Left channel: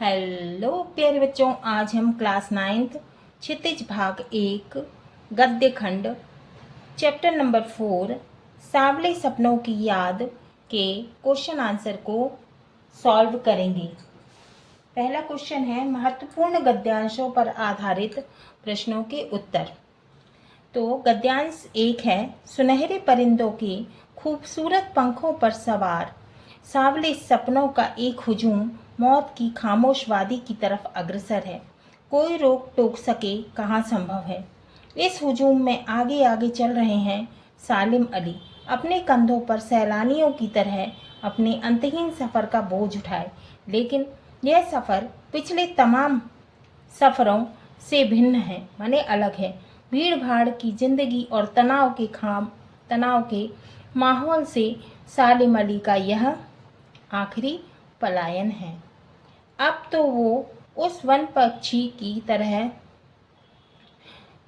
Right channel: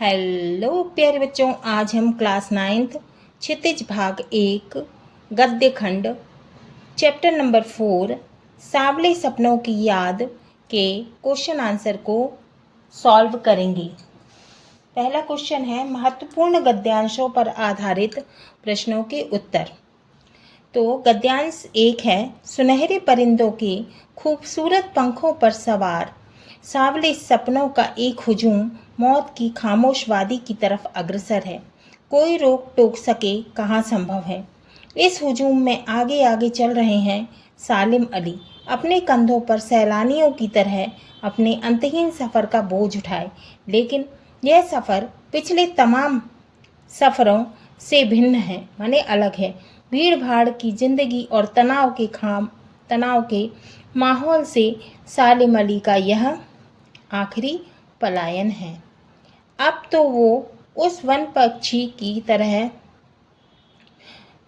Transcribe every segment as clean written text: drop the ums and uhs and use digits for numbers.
Hello प्यारे बच्चों, आज हम क्लास 9th क्षितिज भाग 1 गद्य खंड चैप्टर नंबर 4 सांवले सपनों की याद के क्वेश्चन आंसर को सॉल्व करेंगे। पहला क्वेश्चन है महत्वपूर्ण गद्यांशों पर आधारित प्रश्नों के उत्तर। तो गद्यांश 1 है, सुनहरे परिंदों के खूबसूरत पंखों पर सवार सांवले सपनों का एक हुजूम मौत की खामोश वादी की तरफ अग्रसर है। कोई रोक टोक सके कहाँ संभव है। इस हुजूम में आगे आगे चल रहे हैं सालिम अली, अपने कंधों पर सैलानियों की तरह अपने अंतहीन सफ़र का बोझ उठाए। लेकिन यह सफ़र पिछले तमाम सफ़रों से भिन्न है, माने अलग है। भीड़ भाड़ की जिंदगी और तनाव के माहौल से सालिम अली का यह आखिरी पलायन है। अब तो वो उस वन पक्षी की तरह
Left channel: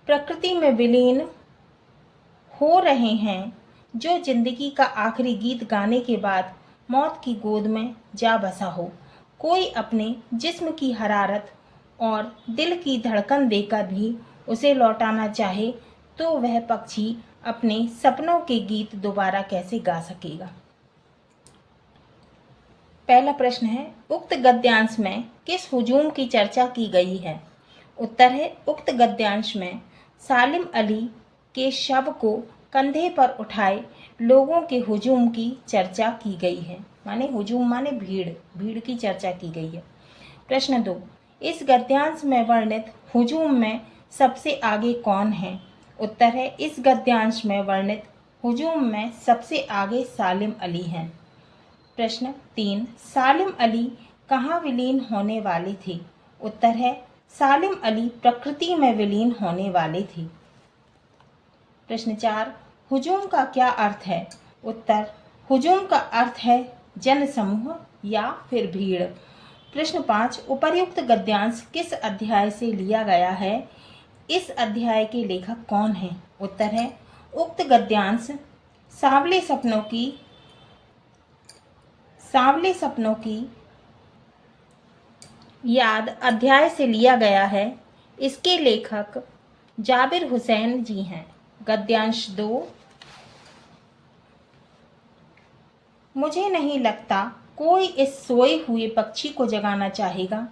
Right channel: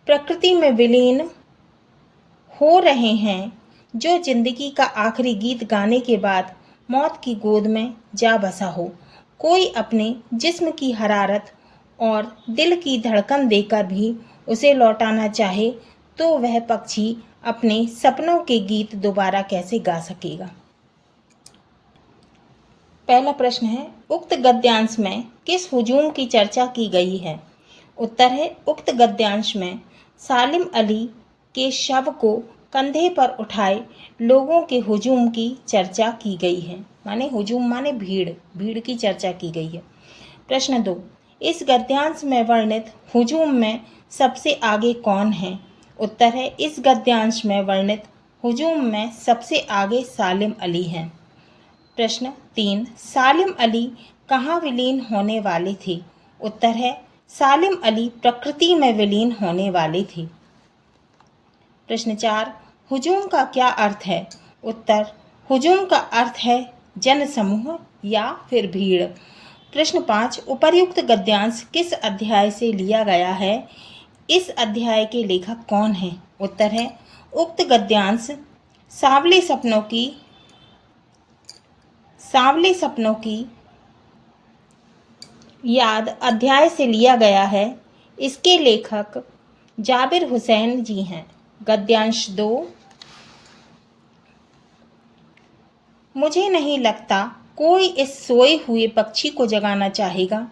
प्रकृति में विलीन हो रहे हैं जो जिंदगी का आखिरी गीत गाने के बाद मौत की गोद में जा बसा हो। कोई अपने जिस्म की हरारत और दिल की धड़कन देकर भी उसे लौटाना चाहे तो वह पक्षी अपने सपनों के गीत दोबारा कैसे गा सकेगा। पहला प्रश्न है, उक्त गद्यांश में किस हुजूम की चर्चा की गई है। उत्तर है, उक्त गद्यांश में सालिम अली के शव को कंधे पर उठाए लोगों के हुजूम की चर्चा की गई है। माने हुजूम माने भीड़ की चर्चा की गई है। प्रश्न 2, इस गद्यांश में वर्णित हुजूम में सबसे आगे कौन है। उत्तर है, इस गद्यांश में वर्णित हुजूम में सबसे आगे सालिम अली हैं। प्रश्न 3, सालिम अली कहाँ विलीन होने वाले थे। उत्तर है, सालिम अली प्रकृति में विलीन होने वाले थे। प्रश्न 4, हुजूम का क्या अर्थ है। उत्तर, हुजूम का अर्थ है जनसमूह या फिर भीड़। प्रश्न 5, उपर्युक्त गद्यांश किस अध्याय से लिया गया है। इस अध्याय के लेखक कौन हैं। उत्तर है, उक्त गद्यांश सांवले सपनों की याद अध्याय से लिया गया है। इसके लेखक जाबिर हुसैन जी हैं। गद्यांश 2, मुझे नहीं लगता कोई इस सोए हुए पक्षी को जगाना चाहेगा।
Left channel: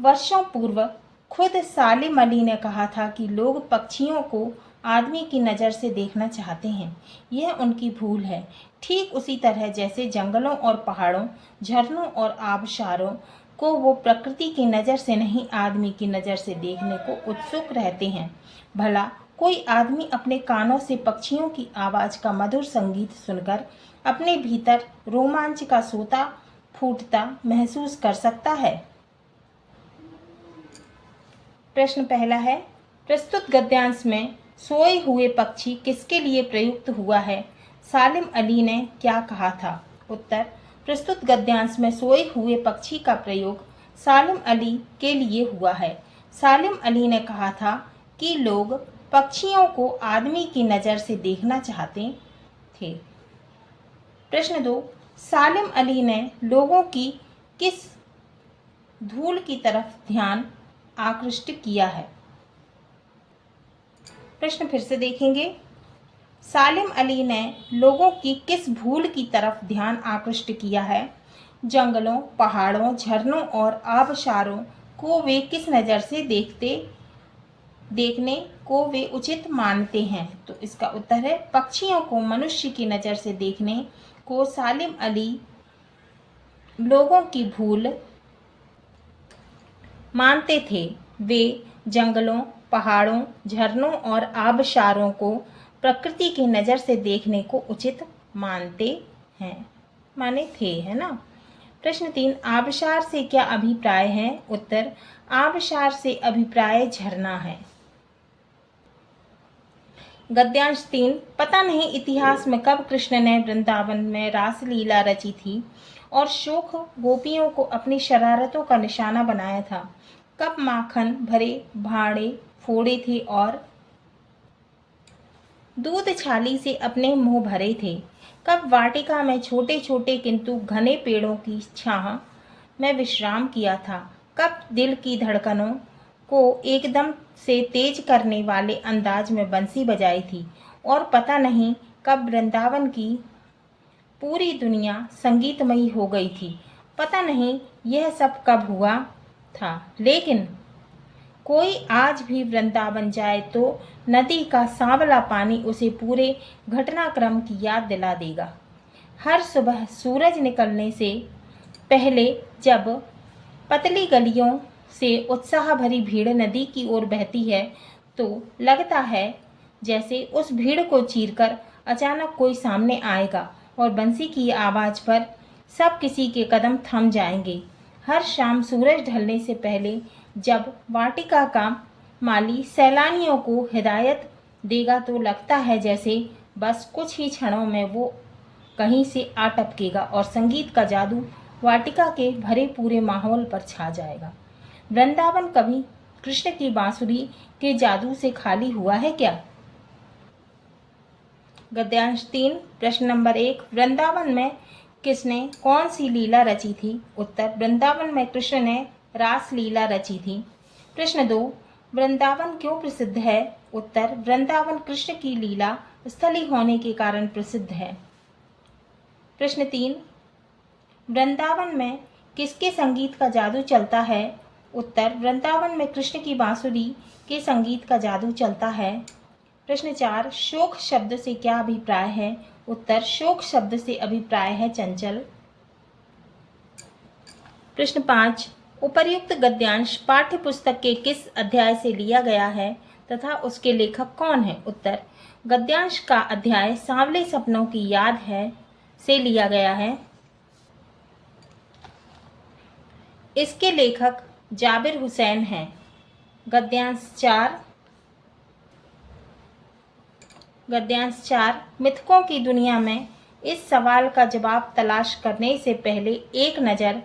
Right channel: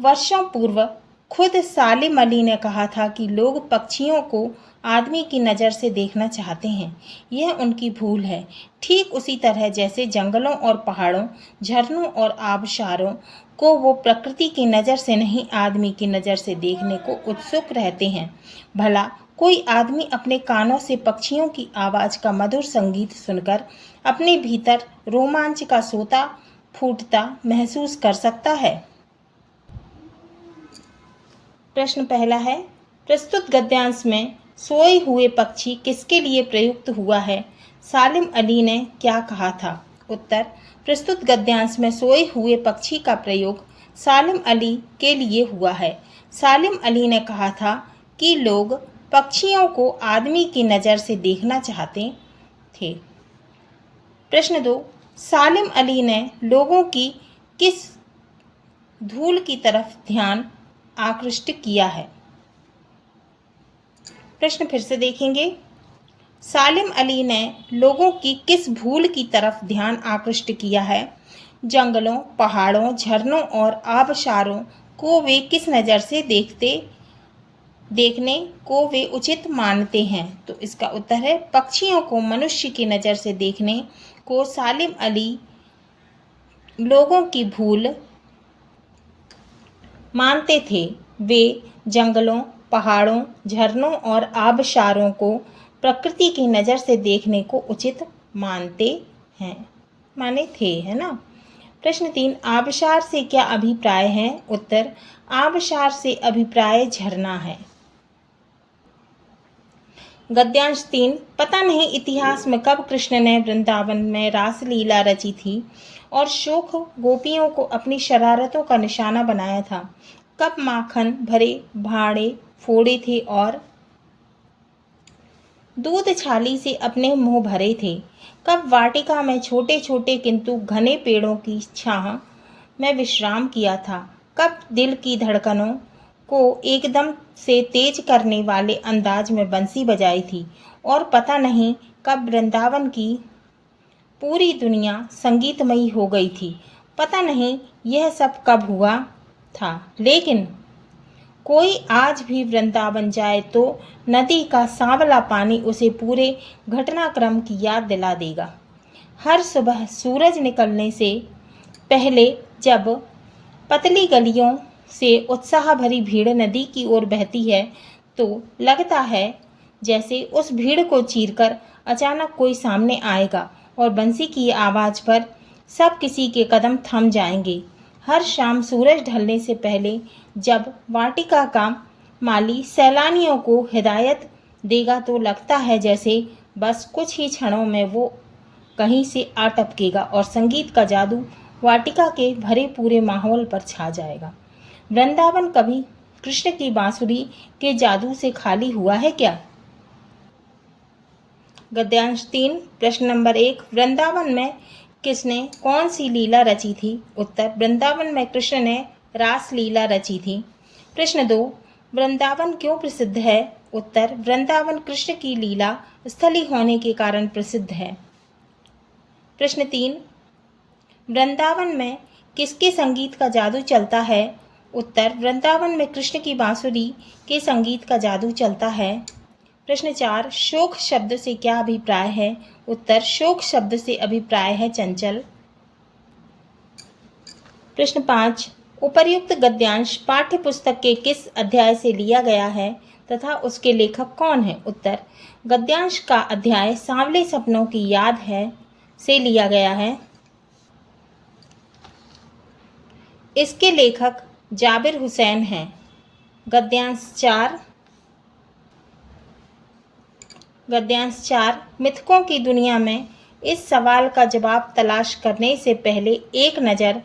वर्षों पूर्व खुद सालिम अली ने कहा था कि लोग पक्षियों को आदमी की नज़र से देखना चाहते हैं। यह उनकी भूल है। ठीक उसी तरह जैसे जंगलों और पहाड़ों, झरनों और आबशारों को वो प्रकृति की नज़र से नहीं आदमी की नज़र से देखने को उत्सुक रहते हैं। भला कोई आदमी अपने कानों से पक्षियों की आवाज़ का मधुर संगीत सुनकर अपने भीतर रोमांच का सोता फूटता महसूस कर सकता है। प्रश्न पहला है, प्रस्तुत गद्यांश में सोए हुए पक्षी किसके लिए प्रयुक्त हुआ है। सालिम अली ने क्या कहा था। उत्तर, प्रस्तुत गद्यांश में सोए हुए पक्षी का प्रयोग सालिम अली के लिए हुआ है। सालिम अली ने कहा था कि लोग पक्षियों को आदमी की नज़र से देखना चाहते थे। प्रश्न 2, सालिम अली ने लोगों की किस धूल की तरफ ध्यान आकृष्ट किया है। प्रश्न फिर से देखेंगे, सालिम अली ने लोगों की किस भूल की तरफ ध्यान आकृष्ट किया है। जंगलों, पहाड़ों, झरनों और आबशारों को वे किस नज़र से देखने को वे उचित मानते हैं। तो इसका उत्तर है, पक्षियों को मनुष्य की नज़र से देखने को सालिम अली लोगों की भूल मानते थे। वे जंगलों, पहाड़ों, झरनों और आबशारों को प्रकृति की नज़र से देखने को उचित मानते हैं, माने थे, है ना। प्रश्न 3, आबशार से क्या अभिप्राय है। उत्तर, आबशार से अभिप्राय झरना है। गद्यांश 3, पता नहीं इतिहास में कब कृष्ण ने वृंदावन में रासलीला रची थी और शोक गोपियों को अपनी शरारतों का निशाना बनाया था। कब माखन भरे भाड़े फोड़े थे और दूध छाली से अपने मुंह भरे थे। कब वाटिका में छोटे छोटे किंतु घने पेड़ों की छाह में विश्राम किया था। कब दिल की धड़कनों को एकदम से तेज करने वाले अंदाज में बंसी बजाई थी, और पता नहीं कब वृंदावन की पूरी दुनिया संगीतमयी हो गई थी। पता नहीं यह सब कब हुआ था, लेकिन कोई आज भी वृंदावन जाए तो नदी का सांवला पानी उसे पूरे घटनाक्रम की याद दिला देगा। हर सुबह सूरज निकलने से पहले जब पतली गलियों से उत्साह भरी भीड़ नदी की ओर बहती है, तो लगता है जैसे उस भीड़ को चीरकर अचानक कोई सामने आएगा और बंसी की आवाज़ पर सब किसी के कदम थम जाएंगे। हर शाम सूरज ढलने से पहले जब वाटिका का माली सैलानियों को हिदायत देगा तो लगता है जैसे बस कुछ ही क्षणों में वो कहीं से आ टपकेगा और संगीत का जादू वाटिका के भरे पूरे माहौल पर छा जाएगा। वृंदावन कभी कृष्ण की बांसुरी के जादू से खाली हुआ है क्या? गद्यांश 3 प्रश्न नंबर 1, वृंदावन में किसने कौन सी लीला रची थी? उत्तर, वृंदावन में कृष्ण ने रास लीला रची थी। प्रश्न 2, वृंदावन क्यों प्रसिद्ध है? उत्तर, वृंदावन कृष्ण की लीला स्थली होने के कारण प्रसिद्ध है। प्रश्न 3, वृंदावन में किसके संगीत का जादू चलता है? उत्तर, वृंदावन में कृष्ण की बांसुरी के संगीत का जादू चलता है। प्रश्न 4, शोक शब्द से क्या अभिप्राय है? उत्तर, शोक शब्द से अभिप्राय है चंचल। प्रश्न 5, उपर्युक्त गद्यांश पाठ्य पुस्तक के किस अध्याय से लिया गया है तथा उसके लेखक कौन है? उत्तर, गद्यांश का अध्याय सांवले सपनों की याद है से लिया गया है। इसके लेखक जाबिर हुसैन हैं। गद्यांश 4 मिथकों की दुनिया में इस सवाल का जवाब तलाश करने से पहले एक नज़र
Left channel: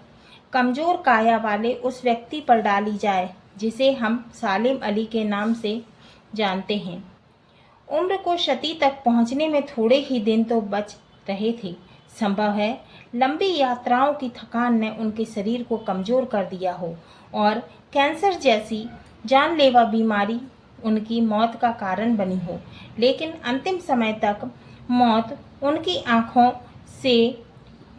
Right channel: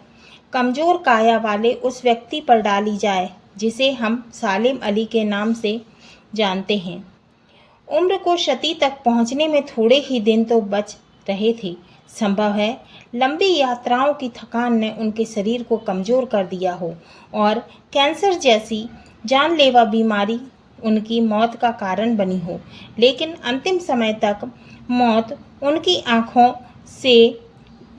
कमज़ोर काया वाले उस व्यक्ति पर डाली जाए जिसे हम सालिम अली के नाम से जानते हैं। उम्र को शती तक पहुंचने में थोड़े ही दिन तो बच रहे थे। संभव है लंबी यात्राओं की थकान ने उनके शरीर को कमज़ोर कर दिया हो और कैंसर जैसी जानलेवा बीमारी उनकी मौत का कारण बनी हो, लेकिन अंतिम समय तक मौत उनकी आँखों से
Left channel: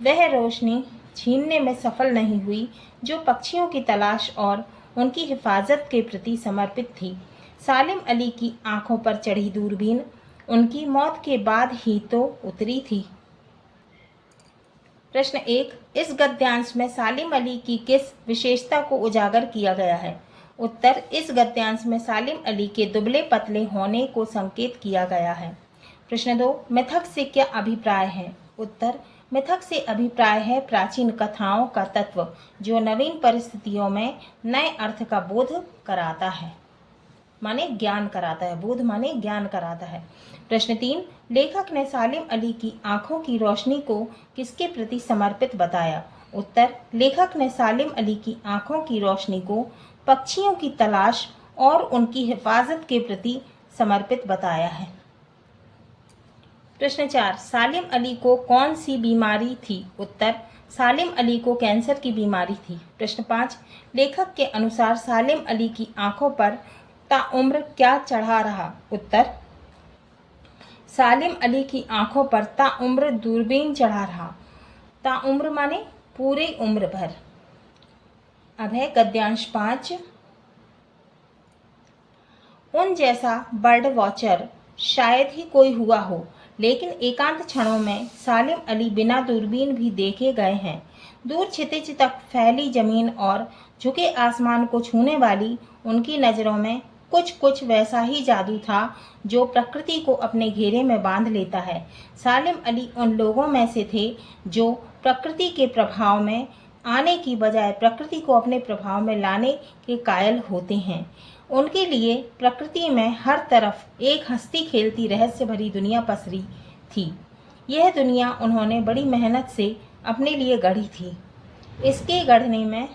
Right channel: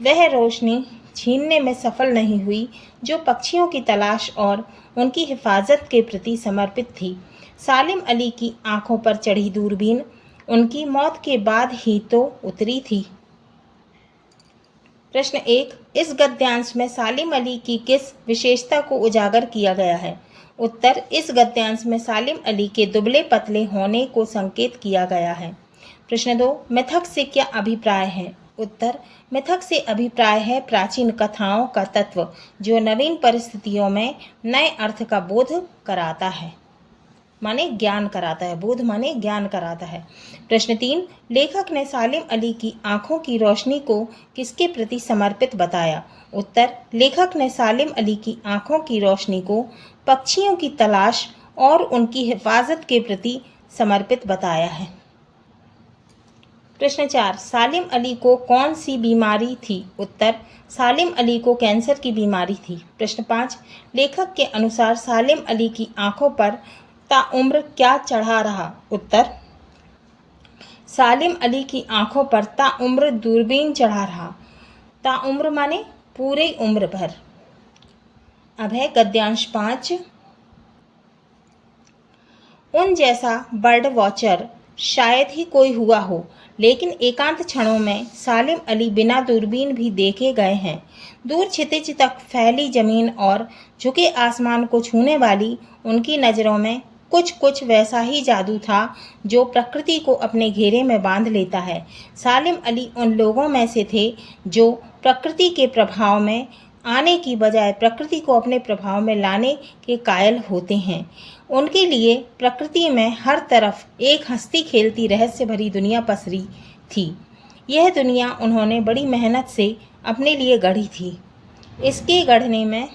वह रोशनी छीनने में सफल नहीं हुई जो पक्षियों की तलाश और उनकी हिफाजत के प्रति समर्पित थी। सालिम अली की आँखों पर चढ़ी दूरबीन उनकी मौत के बाद ही तो उतरी थी। प्रश्न 1, इस गद्यांश में सालिम अली की किस विशेषता को उजागर किया गया है? उत्तर, इस गद्यांश में सालिम अली के दुबले पतले होने को संकेत किया गया है। प्रश्न 2, मिथक से क्या अभिप्राय है? उत्तर, मिथक से अभिप्राय है प्राचीन कथाओं का तत्व जो नवीन परिस्थितियों में नए अर्थ का बोध कराता है, माने ज्ञान कराता है। बोध माने ज्ञान कराता है। प्रश्न 3, लेखक ने सालिम अली की आंखों की रोशनी को किसके प्रति समर्पित बताया? उत्तर, लेखक ने सालिम अली की आंखों की रोशनी को पक्षियों की तलाश और उनकी हिफाजत के प्रति समर्पित बताया है। प्रश्न 4, सालिम अली को कौन सी बीमारी थी? उत्तर, सालिम अली को कैंसर की बीमारी थी। प्रश्न 5, लेखक के अनुसार सालिम अली की आंखों पर ताउम्र क्या चढ़ा रहा? उत्तर, सालिम अली की आंखों पर ताउम्र दूरबीन चढ़ा रहा। ताउम्र माने पूरे उम्र भर। अब है गद्यांश 5, उन जैसा बर्ड वॉचर शायद ही कोई हुआ हो, लेकिन एकांत क्षणों में सालिम अली बिना दूरबीन भी देखे गए हैं। दूर क्षितिज तक फैली जमीन और झुके आसमान को छूने वाली उनकी नज़रों में कुछ कुछ वैसा ही जादू था जो प्रकृति को अपने घेरे में बांध लेता है। सालिम अली उन लोगों में से थे जो प्रकृति के प्रभाव में आने की बजाय प्रकृति को अपने प्रभाव में लाने के कायल होते हैं। उनके लिए प्रकृति में हर तरफ एक हंसती खेलती रहस्य भरी दुनिया पसरी थी। यह दुनिया उन्होंने बड़ी मेहनत से अपने लिए गढ़ी थी। इसके गढ़ने में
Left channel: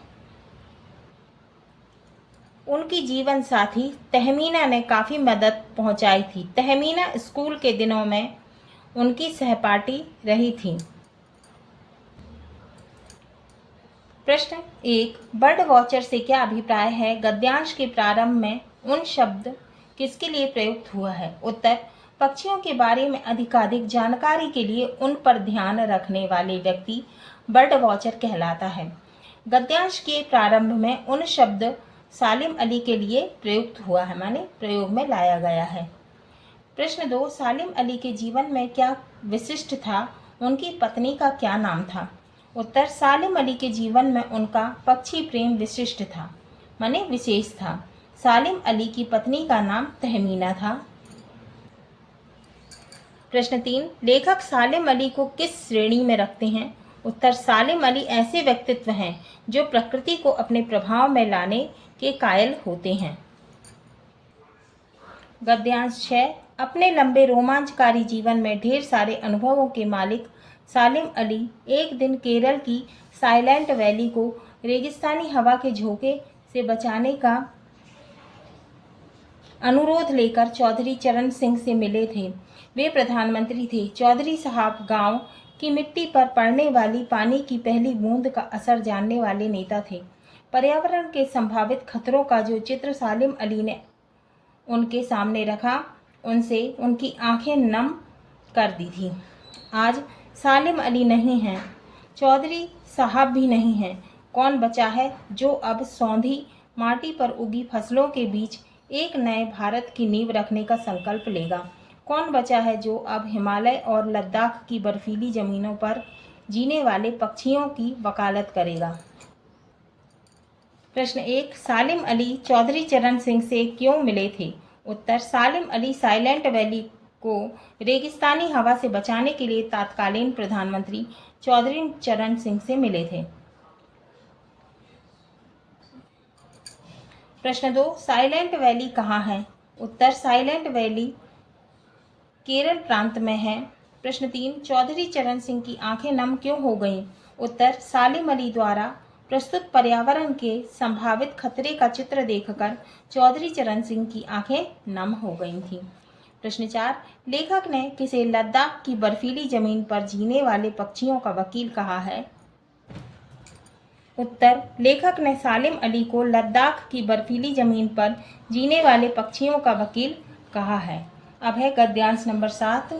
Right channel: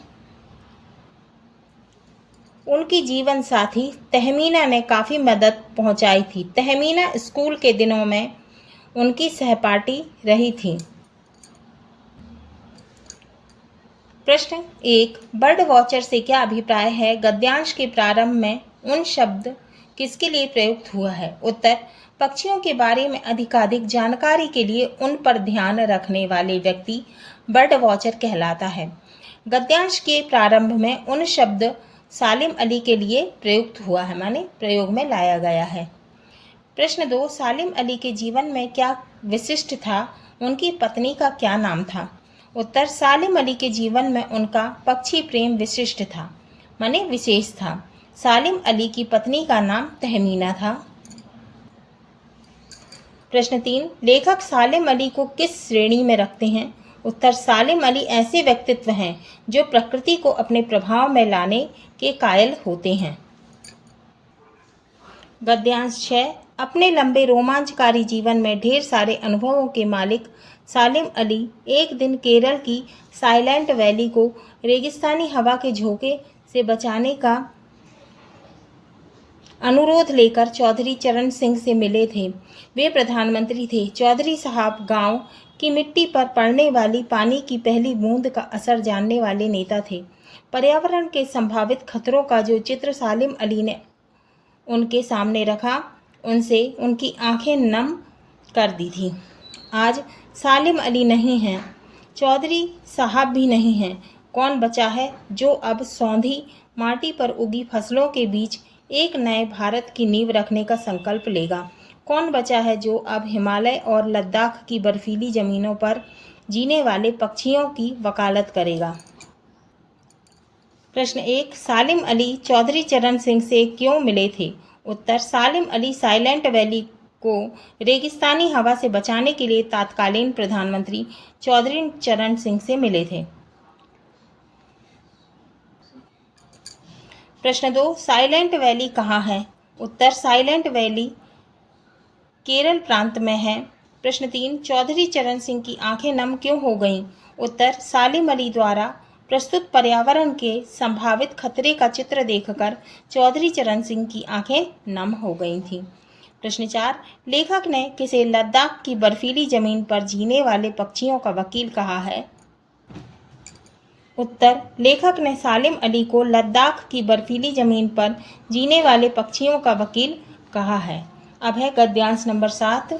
उनकी जीवन साथी तहमीना ने काफ़ी मदद पहुंचाई थी। तहमीना स्कूल के दिनों में उनकी सहपाठी रही थी। प्रश्न 1, बर्ड वॉचर से क्या अभिप्राय है? गद्यांश के प्रारंभ में उन शब्द किसके लिए प्रयुक्त हुआ है? उत्तर, पक्षियों के बारे में अधिकाधिक जानकारी के लिए उन पर ध्यान रखने वाले व्यक्ति बर्ड वॉचर कहलाता है। गद्यांश के प्रारंभ में उन शब्द सालिम अली के लिए प्रयुक्त हुआ है, माने प्रयोग में लाया गया है। प्रश्न 2, सालिम अली के जीवन में क्या विशिष्ट था? उनकी पत्नी का क्या नाम था? उत्तर, सालिम अली के जीवन में उनका पक्षी प्रेम विशिष्ट था, माने विशेष था। सालिम अली की पत्नी का नाम तहमीना था। प्रश्न 3, लेखक सालिम अली को किस श्रेणी में रखते हैं? उत्तर, सालिम अली ऐसे व्यक्तित्व हैं जो प्रकृति को अपने प्रभाव में लाने के कायल होते हैं। गद्यांश 6, अपने लंबे रोमांचकारी जीवन में ढेर सारे अनुभवों के मालिक सालिम अली एक दिन केरल की साइलेंट वैली को रेगिस्तानी हवा के झोंके से बचाने का अनुरोध लेकर चौधरी चरण सिंह से मिले थे। वे प्रधानमंत्री थे। चौधरी साहब गांव की मिट्टी पर पड़ने वाली पानी की पहली बूंद का असर जानने वाले नेता थे। पर्यावरण के संभावित खतरों का जो चित्र सालिम अली ने उनके सामने रखा, उनसे उनकी आंखें नम कर दी थी। आज सालिम अली नहीं हैं, चौधरी साहब भी नहीं हैं। कौन बचा है जो अब सौंधी माटी पर उगी फसलों के बीच एक नए भारत की नींव रखने का संकल्प लेगा? कौन बचा है जो अब हिमालय और लद्दाख की बर्फीली जमीनों पर जीने वाले पक्षियों की वकालत करेगा? प्रश्न 1, सालिम अली चौधरी चरण सिंह से क्यों मिले थे? उत्तर, सालिम अली साइलेंट वैली को रेगिस्तानी हवा से बचाने के लिए तत्कालीन प्रधानमंत्री चौधरी चरण सिंह से मिले थे। प्रश्न 2, साइलेंट वैली कहाँ है? उत्तर, साइलेंट वैली केरल प्रांत में है। प्रश्न 3, चौधरी चरण सिंह की आंखें नम क्यों हो गईं? उत्तर, सालिम अली द्वारा प्रस्तुत पर्यावरण के संभावित खतरे का चित्र देखकर चौधरी चरण सिंह की आंखें नम हो गई थीं। प्रश्न 4, लेखक ने किसे लद्दाख की बर्फीली जमीन पर जीने वाले पक्षियों का वकील कहा है? उत्तर, लेखक ने सालिम अली को लद्दाख की बर्फीली जमीन पर जीने वाले पक्षियों का वकील कहा है। अब है गद्यांश नंबर 7।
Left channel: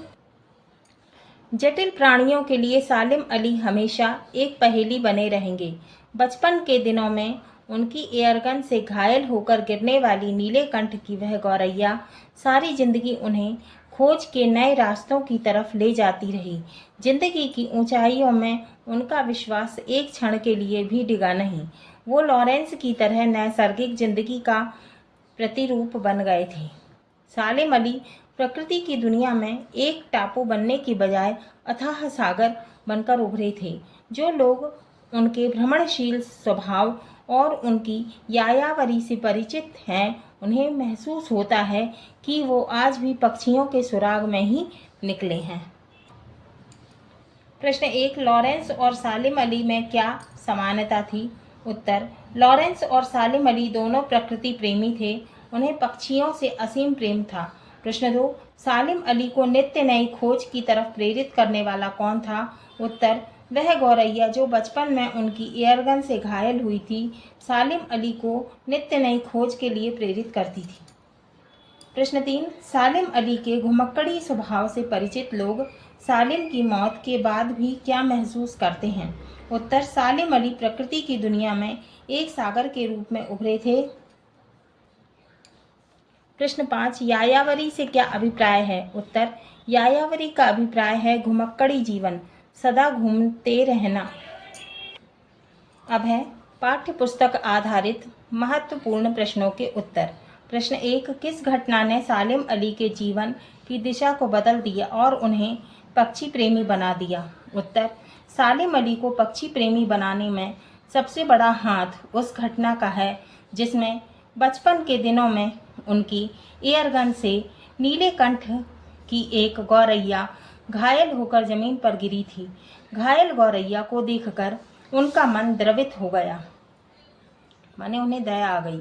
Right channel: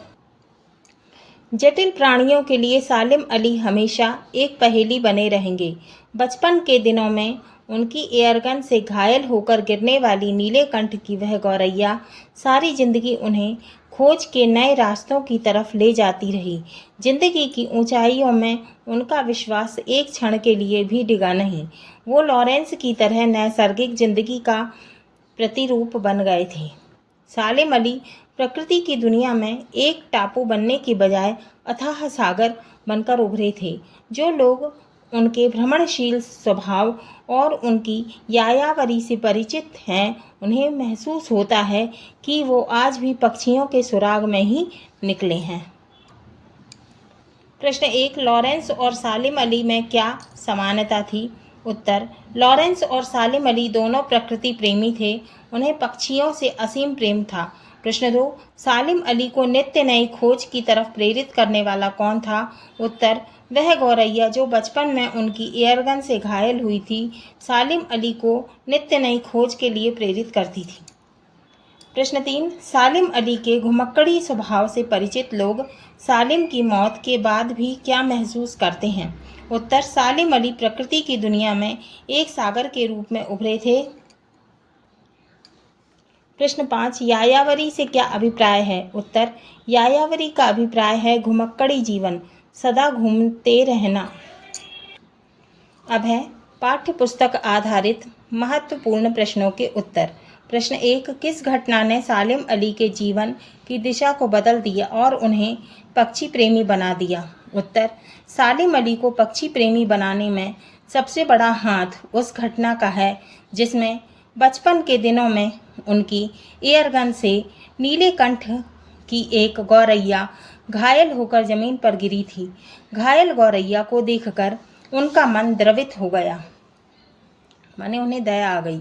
जटिल प्राणियों के लिए सालिम अली हमेशा एक पहेली बने रहेंगे। बचपन के दिनों में उनकी एयरगन से घायल होकर गिरने वाली नीलेकंठ की वह गौरैया सारी जिंदगी उन्हें खोज के नए रास्तों की तरफ ले जाती रही। जिंदगी की ऊंचाइयों में उनका विश्वास एक क्षण के लिए भी डिगा नहीं। वो लॉरेंस की तरह नैसर्गिक जिंदगी का प्रतिरूप बन गए थे। सालिम अली प्रकृति की दुनिया में एक टापू बनने की बजाय अथाह सागर बनकर उभरे थे। जो लोग उनके भ्रमणशील स्वभाव और उनकी यायावरी से परिचित हैं, उन्हें महसूस होता है कि वो आज भी पक्षियों के सुराग में ही निकले हैं। प्रश्न 1, लॉरेंस और सालिम अली में क्या समानता थी? उत्तर, लॉरेंस और सालिम अली दोनों प्रकृति प्रेमी थे। उन्हें पक्षियों से असीम प्रेम था। प्रश्न 2, सालिम अली को नित्य नई खोज की तरफ प्रेरित करने वाला कौन था? उत्तर, वह गौरैया जो बचपन में उनकी एयरगन से घायल हुई थी, सालिम अली को नित्य नई खोज के लिए प्रेरित करती थी। प्रश्न 3, सालिम अली के घुमक्कड़ी स्वभाव से परिचित लोग सालिम की मौत के बाद भी क्या महसूस करते हैं? उत्तर, सालिम अली प्रकृति की दुनिया में एक सागर के रूप में उभरे थे। प्रश्न 5, यायावरी से क्या अभिप्राय है? उत्तर, यायावरी का अभिप्राय है घुमक्कड़ी जीवन, सदा घूमते रहना। अब है पाठ्य पुस्तक आधारित महत्वपूर्ण प्रश्नों के उत्तर। प्रश्न 1, किस घटना ने सालिम अली के जीवन की दिशा को बदल दिया और उन्हें पक्षी प्रेमी बना दिया? उत्तर, सालिम अली को पक्षी प्रेमी बनाने में सबसे बड़ा हाथ उस घटना का है जिसमें बचपन के दिनों में उनकी एयरगन से नीलेकंठ की एक गौरैया घायल होकर जमीन पर गिरी थी। घायल गौरैया को देखकर उनका मन द्रवित हो गया, माने उन्हें दया आ गई।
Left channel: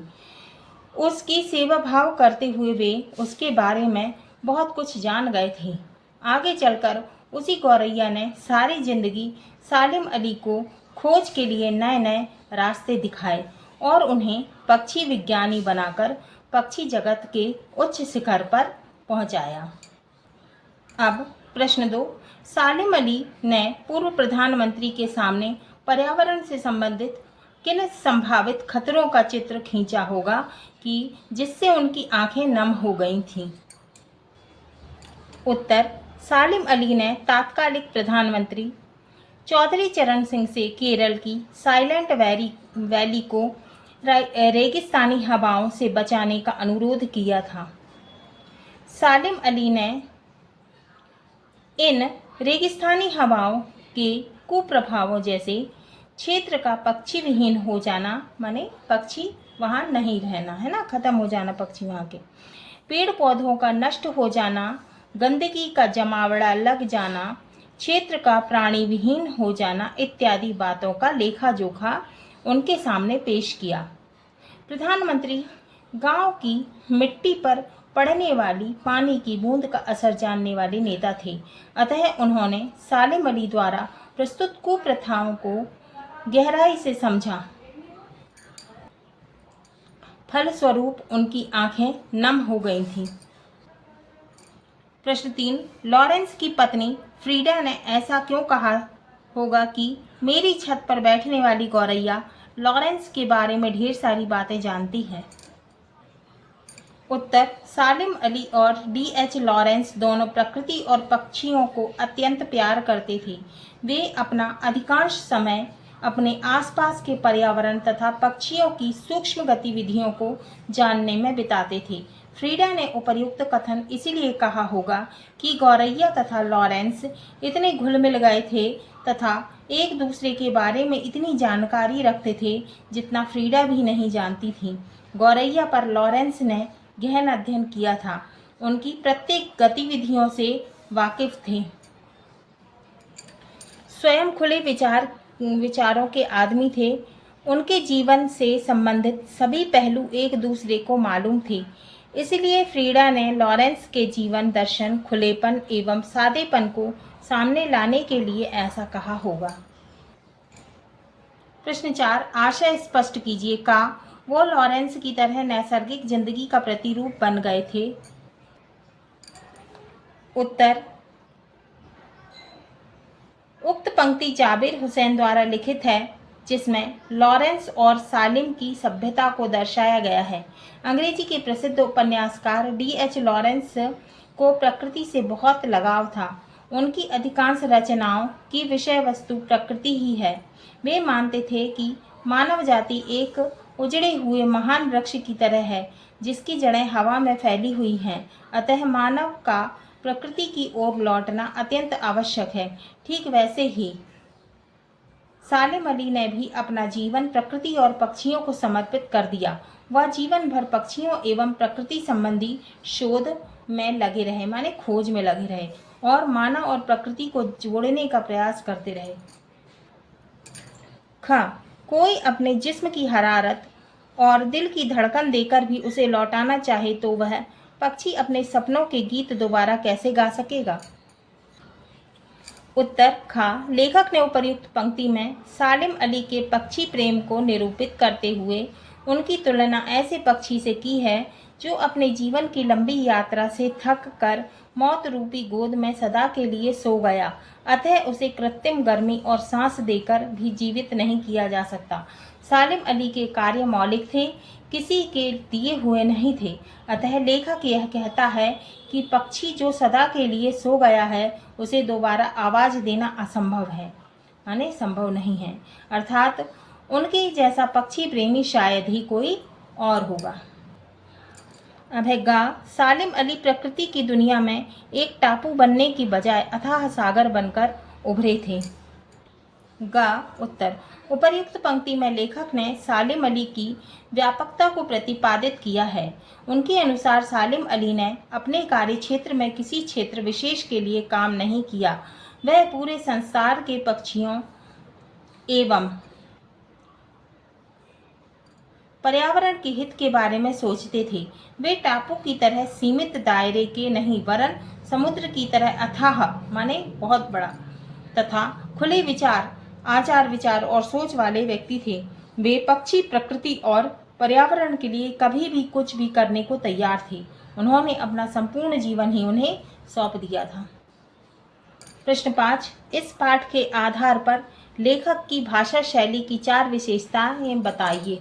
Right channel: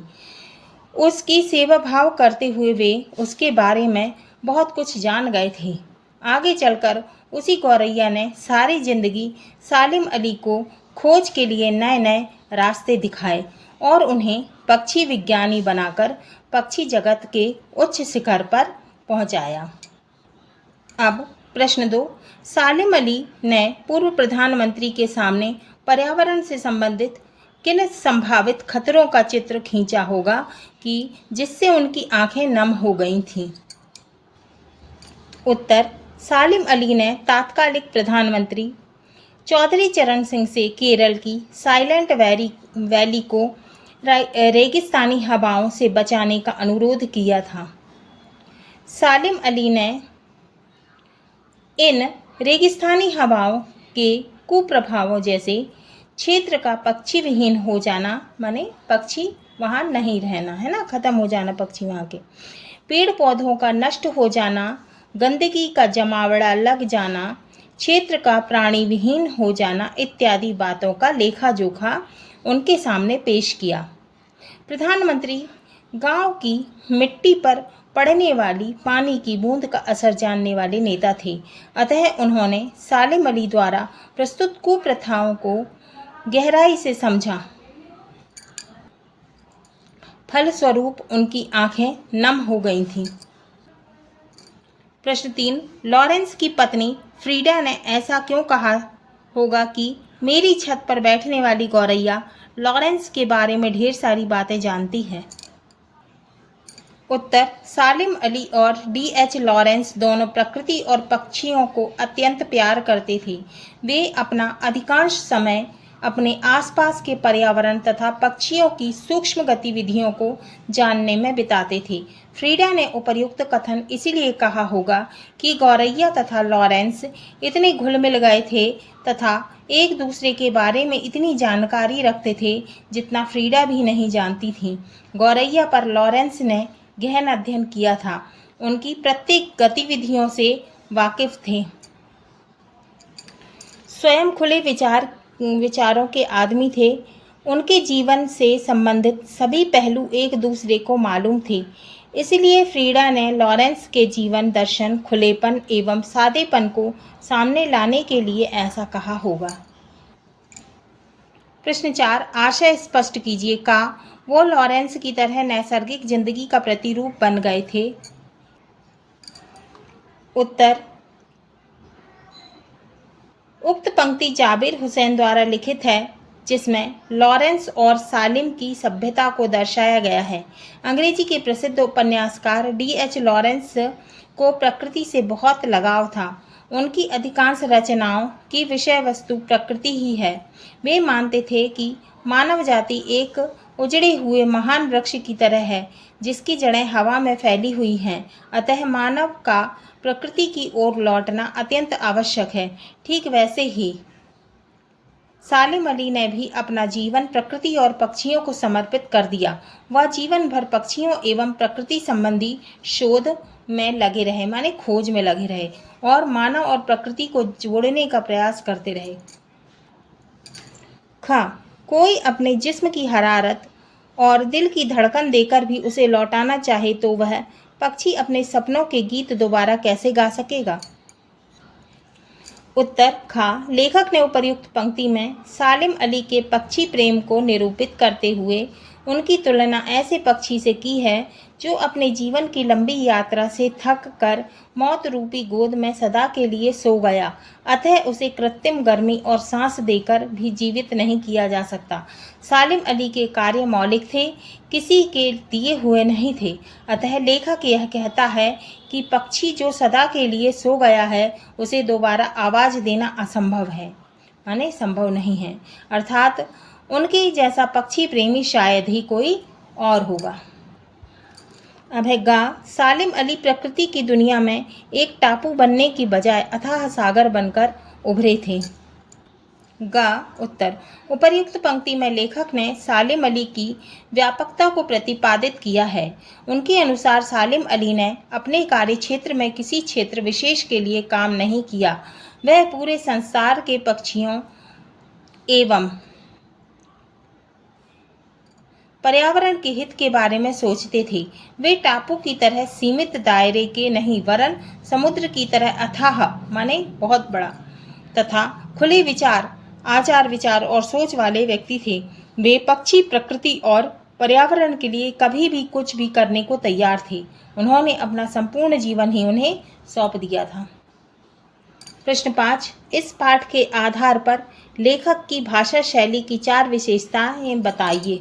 उसकी सेवा भाव करते हुए वे उसके बारे में बहुत कुछ जान गए थे। आगे चलकर उसी गौरैया ने सारी जिंदगी सालिम अली को खोज के लिए नए नए रास्ते दिखाए और उन्हें पक्षी विज्ञानी बनाकर पक्षी जगत के उच्च शिखर पर पहुंचाया। अब प्रश्न 2, सालिम अली ने पूर्व प्रधानमंत्री के सामने पर्यावरण से संबंधित किन संभावित खतरों का चित्र खींचा होगा कि जिससे उनकी आंखें नम हो गई थीं? उत्तर, सालिम अली ने तात्कालिक प्रधानमंत्री चौधरी चरण सिंह से केरल की साइलेंट वैली को रेगिस्तानी हवाओं से बचाने का अनुरोध किया था। सालिम अली ने इन रेगिस्तानी हवाओं के कुप्रभावों जैसे क्षेत्र का पक्षी विहीन हो जाना, माने पक्षी वहाँ नहीं रहना, है ना, खत्म हो जाना पक्षी वहाँ के, पेड़ पौधों का नष्ट हो जाना, गंदगी का जमावड़ा लग जाना, क्षेत्र का प्राणी विहीन हो जाना इत्यादि बातों का लेखा जोखा उनके सामने पेश किया। प्रधानमंत्री गांव की मिट्टी पर पड़ने वाली पानी की बूंद का असर जानने वाले नेता थे, अतः उन्होंने सालिम अली द्वारा प्रस्तुत कुप्रथाओं को गहराई से समझा। फलस्वरूप उनकी आंखें नम हो गई थीं। प्रश्न 3, लॉरेंस की पत्नी फ्रीडा ने ऐसा क्यों कहा होगा कि मेरी छत पर बैठने वाली गौरैया लॉरेंस के बारे में ढेर सारी बातें जानती है? उत्तर, सालिम अली और D.H. लॉरेंस दोनों प्रकृति और पक्षियों को अत्यंत प्यार करते थे। वे अपना अधिकांश समय अपने आसपास के पर्यावरण तथा पक्षियों की सूक्ष्म गतिविधियों को जानने में बिताते थे। फ्रीडा ने उपर्युक्त कथन इसीलिए कहा होगा कि गौरैया तथा लॉरेंस इतने घुल मिल गए थे तथा एक दूसरे के बारे में इतनी जानकारी रखते थे जितना फ्रीडा भी नहीं जानती थी। गौरैया पर लॉरेंस ने गहन अध्ययन किया था, उनकी प्रत्येक गतिविधियों से वाकिफ थे। स्वयं खुले विचारों के आदमी थे। उनके जीवन से संबंधित सभी पहलू एक दूसरे को मालूम थे। इसलिए फ्रीडा ने लॉरेंस के जीवन दर्शन, खुलेपन एवं सादेपन को सामने लाने के लिए ऐसा कहा होगा। प्रश्न 4, आशय स्पष्ट कीजिए। का वो लॉरेंस की तरह नैसर्गिक जिंदगी का प्रतिरूप बन गए थे? उत्तर, उक्त पंक्ति जाबिर हुसैन द्वारा लिखित है, जिसमें लॉरेंस और सालिम की सभ्यता को दर्शाया गया है। अंग्रेजी के प्रसिद्ध उपन्यासकार D.H. लॉरेंस को प्रकृति से बहुत लगाव था। उनकी अधिकांश रचनाओं की विषय वस्तु प्रकृति ही है। वे मानते थे कि मानव जाति एक उजड़े हुए महान वृक्ष की तरह है जिसकी जड़ें हवा में फैली हुई हैं, अतः मानव का प्रकृति की ओर लौटना अत्यंत आवश्यक है। ठीक वैसे ही सालिम अली ने भी अपना जीवन प्रकृति और पक्षियों को समर्पित कर दिया। वह जीवन भर पक्षियों एवं प्रकृति संबंधी शोध में लगे रहे, माने खोज में लगे रहे और मानव और प्रकृति को जोड़ने का प्रयास करते रहे। कोई अपने जिस्म की हरारत और दिल की धड़कन देकर भी उसे लौटाना चाहे तो वह पक्षी अपने सपनों के गीत दोबारा कैसे गा सकेगा? उत्तर, लेखक ने उपर्युक्त पंक्ति में सालिम अली के पक्षी प्रेम को निरूपित करते हुए उनकी तुलना ऐसे पक्षी से की है जो अपने जीवन की लंबी यात्रा से थक कर मौत रूपी गोद में सदा के लिए सो गया, अतः उसे कृत्रिम गर्मी और सांस देकर भी जीवित नहीं किया जा सकता। सालिम अली के कार्य मौलिक थे, किसी के दिए हुए नहीं थे, अतः लेखक यह कहता है कि पक्षी जो सदा के लिए सो गया है उसे दोबारा आवाज़ देना असंभव है, माने संभव नहीं है, अर्थात उनके जैसा पक्षी प्रेमी शायद ही कोई और होगा। अब है सालिम अली प्रकृति की दुनिया में एक टापू बनने की बजाय अथाह सागर बनकर उभरे थे। उत्तर, उपर्युक्त पंक्ति में लेखक ने सालिम अली की व्यापकता को प्रतिपादित किया है। उनके अनुसार सालिम अली ने अपने कार्य क्षेत्र में किसी क्षेत्र विशेष के लिए काम नहीं किया, वह पूरे संसार के पक्षियों एवं पर्यावरण के हित के बारे में सोचते थे। वे टापू की तरह सीमित दायरे के नहीं वरन समुद्र की तरह अथाह, माने बहुत बड़ा, तथा खुले विचार आचार विचार और सोच वाले व्यक्ति थे। वे पक्षी, प्रकृति और पर्यावरण के लिए कभी भी कुछ भी करने को तैयार थे। उन्होंने अपना संपूर्ण जीवन ही उन्हें सौंप दिया था। प्रश्न 5, इस पाठ के आधार पर लेखक की भाषा शैली की 4 विशेषताएं बताइए।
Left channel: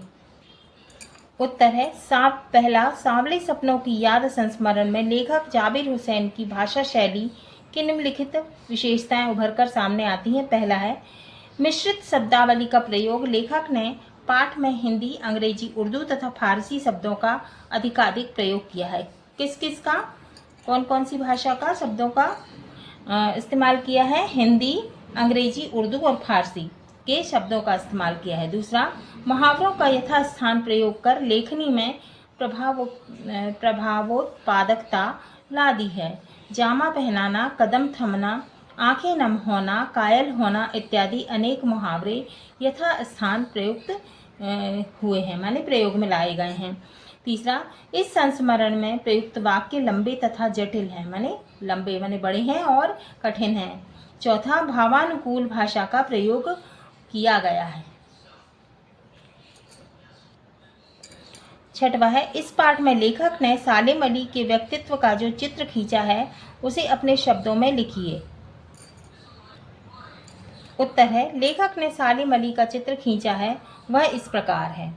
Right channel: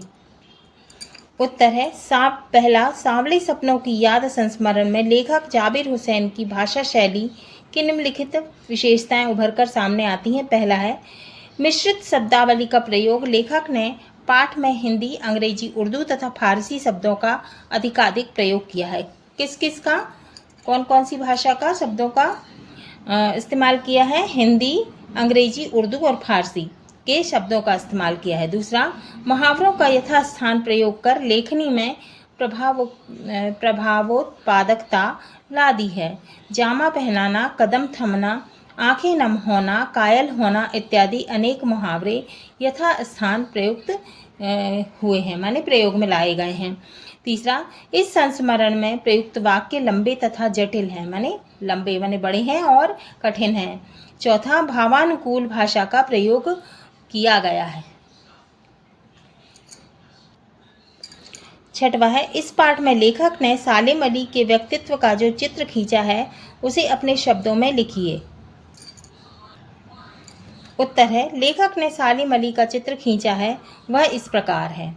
उत्तर है पहला, सांवले सपनों की याद संस्मरण में लेखक जाबिर हुसैन की भाषा शैली की निम्नलिखित विशेषताएं उभरकर सामने आती हैं। पहला है मिश्रित शब्दावली का प्रयोग। लेखक ने पाठ में हिंदी, अंग्रेजी, उर्दू तथा फारसी शब्दों का अधिकाधिक प्रयोग किया है। किस किस का, कौन कौन सी भाषा का शब्दों का इस्तेमाल किया है? हिंदी, अंग्रेजी, उर्दू और फारसी के शब्दों का इस्तेमाल किया है। दूसरा, मुहावरों का यथास्थान प्रयोग कर लेखनी में प्रभावोत्पादकता ला दी है। जामा पहनाना, कदम थमना, आंखें नम होना, कायल होना इत्यादि अनेक मुहावरे यथास्थान प्रयुक्त हुए हैं, माने प्रयोग में लाए गए हैं। तीसरा, इस संस्मरण में प्रयुक्त वाक्य लंबे तथा जटिल हैं, माने लंबे माने बड़े हैं और कठिन हैं। चौथा, भावानुकूल भाषा का प्रयोग किया गया है। छठवा है, इस पाठ में लेखक ने सालिम अली के व्यक्तित्व का जो चित्र खींचा है उसे अपने शब्दों में लिखिए। उत्तर है, लेखक ने सालिम अली का चित्र खींचा है वह इस प्रकार है।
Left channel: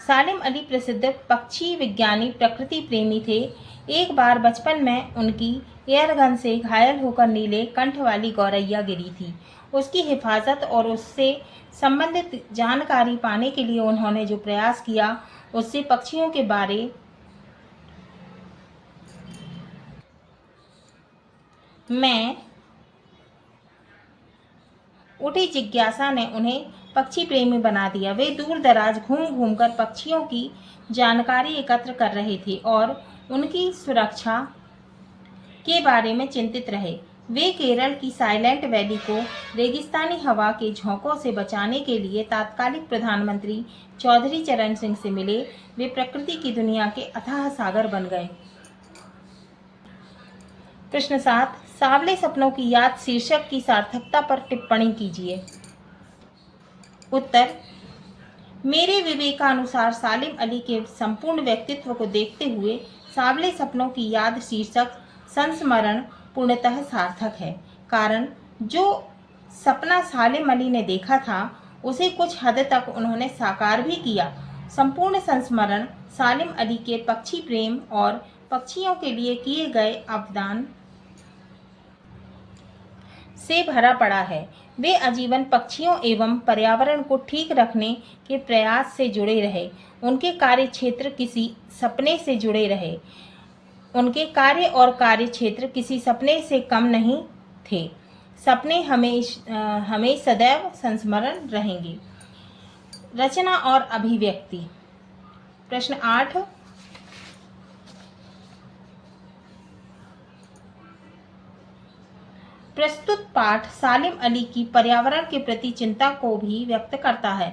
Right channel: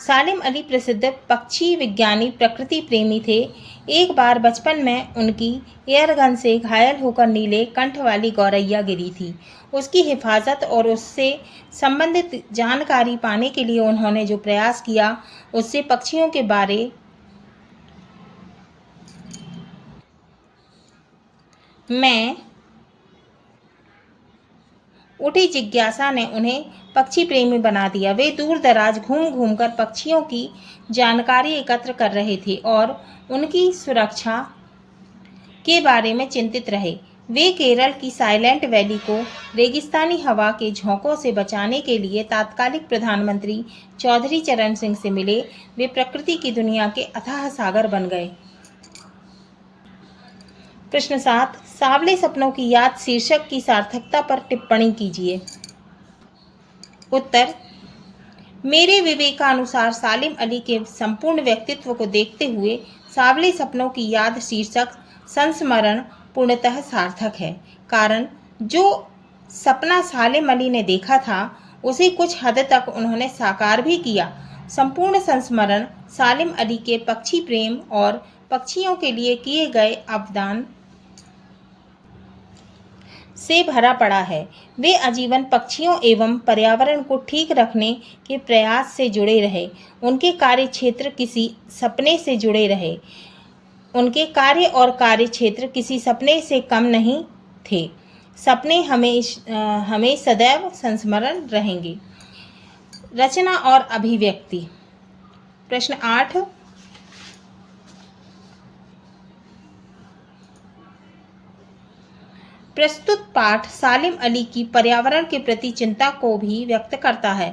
सालिम अली प्रसिद्ध पक्षी विज्ञानी, प्रकृति प्रेमी थे। एक बार बचपन में उनकी एयरगन से घायल होकर नीले कंठ वाली गौरैया गिरी थी। उसकी हिफाजत और उससे संबंधित जानकारी पाने के लिए उन्होंने जो प्रयास किया उससे पक्षियों के बारे में उठी जिज्ञासा ने उन्हें पक्षी प्रेमी बना दिया। वे दूर दराज घूम घूमकर पक्षियों की जानकारी एकत्र कर रहे थे और उनकी सुरक्षा के बारे में चिंतित रहे। वे केरल की साइलेंट वैली को रेगिस्तानी हवा के झोंकों से बचाने के लिए तात्कालिक प्रधानमंत्री चौधरी चरण सिंह से मिले। वे प्रकृति की दुनिया के अथाह सागर बन गए। प्रश्न 7, सांवले सपनों की याद शीर्षक की सार्थकता पर टिप्पणी कीजिए। उत्तर, मेरे विवेकानुसार सालिम अली के संपूर्ण व्यक्तित्व को देखते हुए सांवले सपनों की याद शीर्षक संस्मरण पूर्णतः सार्थक है। कारण जो सपना सालिम अली ने देखा था उसे कुछ हद तक उन्होंने साकार भी किया। संपूर्ण संस्मरण सालिम अली के पक्षी प्रेम और पक्षियों के लिए किए गए अवदान से भरा पड़ा है। वे आजीवन पक्षियों एवं पर्यावरण को ठीक रखने के प्रयास से जुड़े रहे। उनके कार्य क्षेत्र किसी सपने से जुड़े रहे। उनके कार्य और कार्य क्षेत्र किसी सपने से कम नहीं थे। सपने हमें सदैव संस्मरण रहेंगे। रचना और अभिव्यक्ति। प्रश्न 8, प्रस्तुत पाठ सालिम अली की पर्यावरण के प्रति चिंता को भी व्यक्त करता है।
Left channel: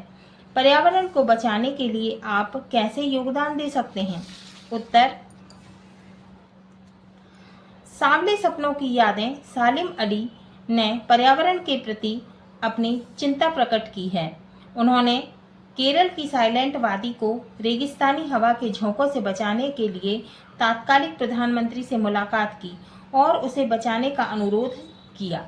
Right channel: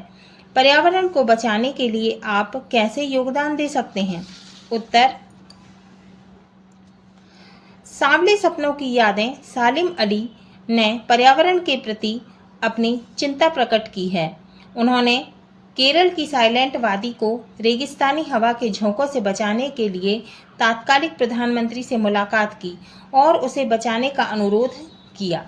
पर्यावरण को बचाने के लिए आप कैसे योगदान दे सकते हैं? उत्तर, सांवले सपनों की यादें सालिम अली ने पर्यावरण के प्रति अपनी चिंता प्रकट की है। उन्होंने केरल की साइलेंट वादी को रेगिस्तानी हवा के झोंकों से बचाने के लिए तात्कालिक प्रधानमंत्री से मुलाकात की और उसे बचाने का अनुरोध किया,